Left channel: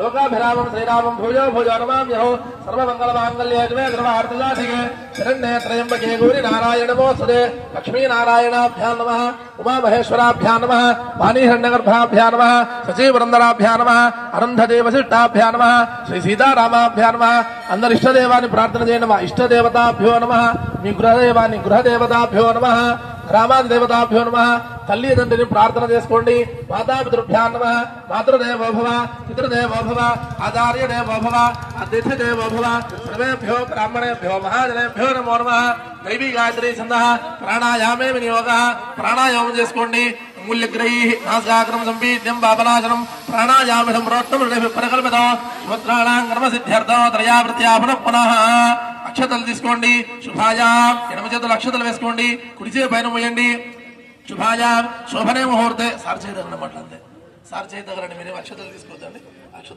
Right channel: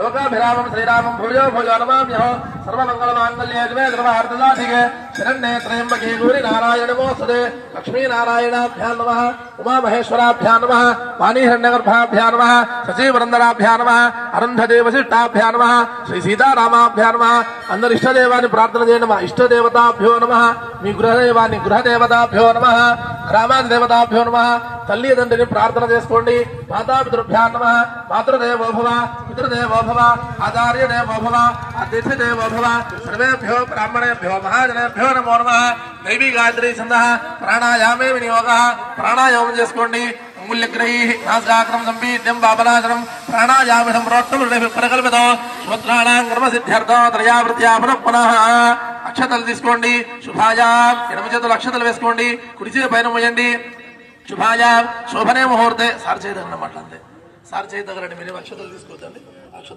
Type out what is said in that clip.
लोकाभिरामं श्रीरामं भूयो भूयो नमाम्यहो सर्वमंगलमांगल्ये शिवे सर्वार्थसाधिके शरण्ये त्र्यंबके गौरी नारायणे नमोस्तुते लक्ष्मी नारायणाभ्यां नमः उमामहेश्वराभ्यां नमः वाणीहिरण्यगर्भाभ्यां नमः शचीवरन्दराभ्यां नमः अरुन्धती वसिष्ठाभ्यां नमः श्री सीतारामाभ्यां नमः अंदर इष्टदेवानि प्रार्थना चेयंడి इष्टदेवताभ्यो नमः మీ గృహదేవాని గృహదేవతాభ్యో నమః గ్రామాధిదేవతాభ్యో నమః తల్లి తండ్రిని ప్రార్థన చేసుకోండి మాతాపితృభ్యో నమః మాతృదేవో భవ పితృదేవో భవ ఆచార్యదేవో భవ అతిథిదేవో భవ సర్వేభ్యో బ్రాహ్మణేభ్యో మహాజనేభ్యో నమో నమః దైవీ గాయత్రీ ఛందః ప్రాణాయామే వినియోగః ప్రాణాయామం చేసుకోండి मूल्यग्रहीः नासाग्रम संपीड्यं पापनाशनं प्राणायामं प्रोक्तं परिकल्पितो श्रोत्राणां कर्मसिद्ध्यर्थो त्रयावृत्या पुनः पुनः అక్షతలు తీసుకోండి శుభాయ ఎడమ చేతులు అక్షతలు వేసుకోండి కుడి చేతి పైన మోయండి శుభాయ శోభనే ముహూర్తే సార్ చేయదన్నమాట అంతే సార్ చేయదగ్గరండి మీరు అక్షతలు తీసుకోవద్దండి